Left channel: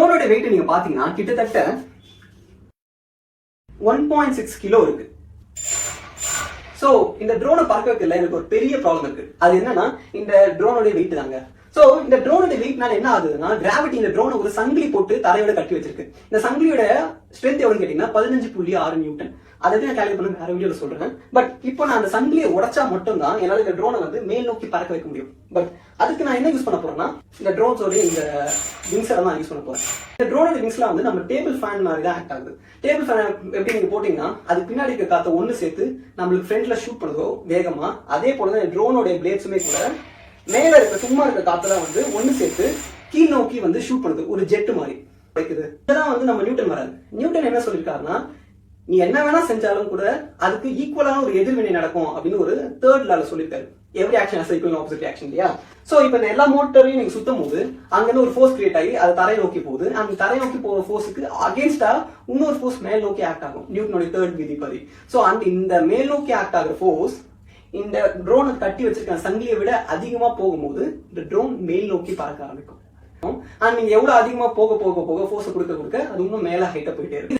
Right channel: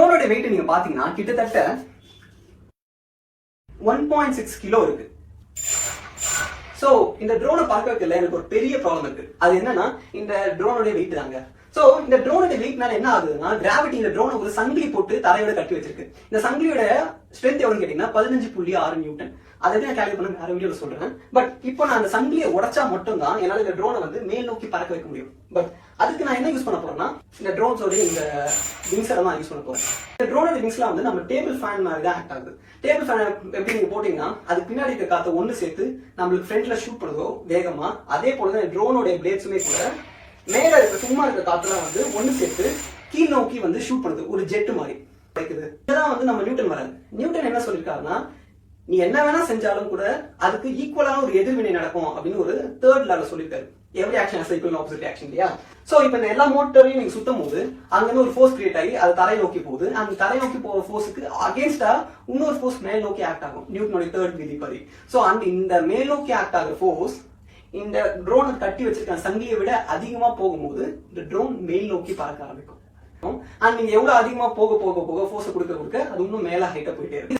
ட்ரோனோட wait நீங்க பாத்தீங்கன்னா கிட்டத்தட்ட 1.6 கிலோ இருக்கு. சோ இந்த ட்ரோனை பார்க்க வைக்கல எனக்கு ஒரு பெரிய ப்ராப்ளம் இருக்கு. அது என்னன்னா இந்த ட்ரோனோட வெயிட் தாங்க. சோ இந்த ட்ரோனோட வெயிட்னால என்ன ஆகுதுன்னா கிராவிட்டி இந்த ட்ரோனை ஒரு சங்கிலி போட்டு தரையோட கட்டி வச்சிருக்கு. இந்த சங்கிலியோட ஸ்ட்ரென்த் எவ்வளவு கேட்டீங்கன்னா 15.6 நியூட்டன். அதை நான் கால்குலேட் பண்ண வேற வீடியோல சொல்றேன். பட் இப்போ நான் அந்த சங்கிலியை உடைச்சா மட்டும் தான் என்னால இந்த ட்ரோனை வந்து மேல் நோக்கி பறக்க வைக்க முடியும். பட் அதுக்கு நான் என்ன யூஸ் பண்ண போறேன்னா இந்த ட்ரோன்ஸோட இந்த விங்ஸ் எல்லாம் யூஸ் பண்ண போறேன். இந்த ட்ரோனோட விங்ஸ்லாம் வந்து நம்ம டேபிள் ஃபேன் மாதிரி தான் ஆக்ட் ஆகுது. டேபிள் ஃபேன் எப்படி நீங்க போட்டீங்கன்னா அது பின்னாடி இருக்க காத்த ஒண்ணு சேர்த்து நம்மளுக்கு ஃப்ரண்ட்ல ஷூட் பண்ணுதோ வேகமா, அதே போலதான் இந்த ட்ரோனோட பிளேட்ஸுமே கூட மேல இருக்க சும்மா இருக்க காத்துல வந்து ஒண்ணு சேர்த்து கீழ் நோக்கி வந்து ஷூட் பண்ணுது, ஒரு ஜெட் மாதிரி இருக்குது. இதெல்லாம் வந்து நம்ம நியூட்டன் வராது. நியூட்டன் என்ன சொல்லிருக்காருன்னா நீ என்ன வேணா செஞ்சாலும் கூட அதுக்கு ஈக்குவலான ஒரு எதிர்வினை நடக்கும் அப்படின்னு ஒரு தேர்ட் லால சொல்லிருக்காரு. Every action has equal opposite action இல்லையா? சோ இப்போ இந்த எல்லா மோட்டரையும் நீங்க சுத்தும் போது அங்கிருந்து ஒரு ஃபோர்ஸ் கிரியேட் ஆகி அது தரையை நோக்கி போகுது. அந்த தரையை நோக்கி போற ஃபோர்ஸுக்கு அகேன்ஸ்டா இன்னொரு ஃபோர்ஸ் மேல் நோக்கி ஆக்ட் ஆகும், நியூட்டனோட தேர்ட் விதி படி. சோ அந்த இந்த மேல் நோக்கி ஆக்ட் ஆகிற ஃபோர்ஸ் இந்த ட்ரோனை கட்டி வச்சிருக்க சங்கிலியை விட அதிகமா போகும்போது இந்த ட்ரோன் மேல் நோக்கி பறக்க ஆரம்பிக்கும். அண்ட் நீங்க எவ்வளவு அதிகமா போக போக போக ஃபோர்ஸ் கொடுக்க அது இன்னும் மேல ஹைட்டா போயிட்டே இருக்கு.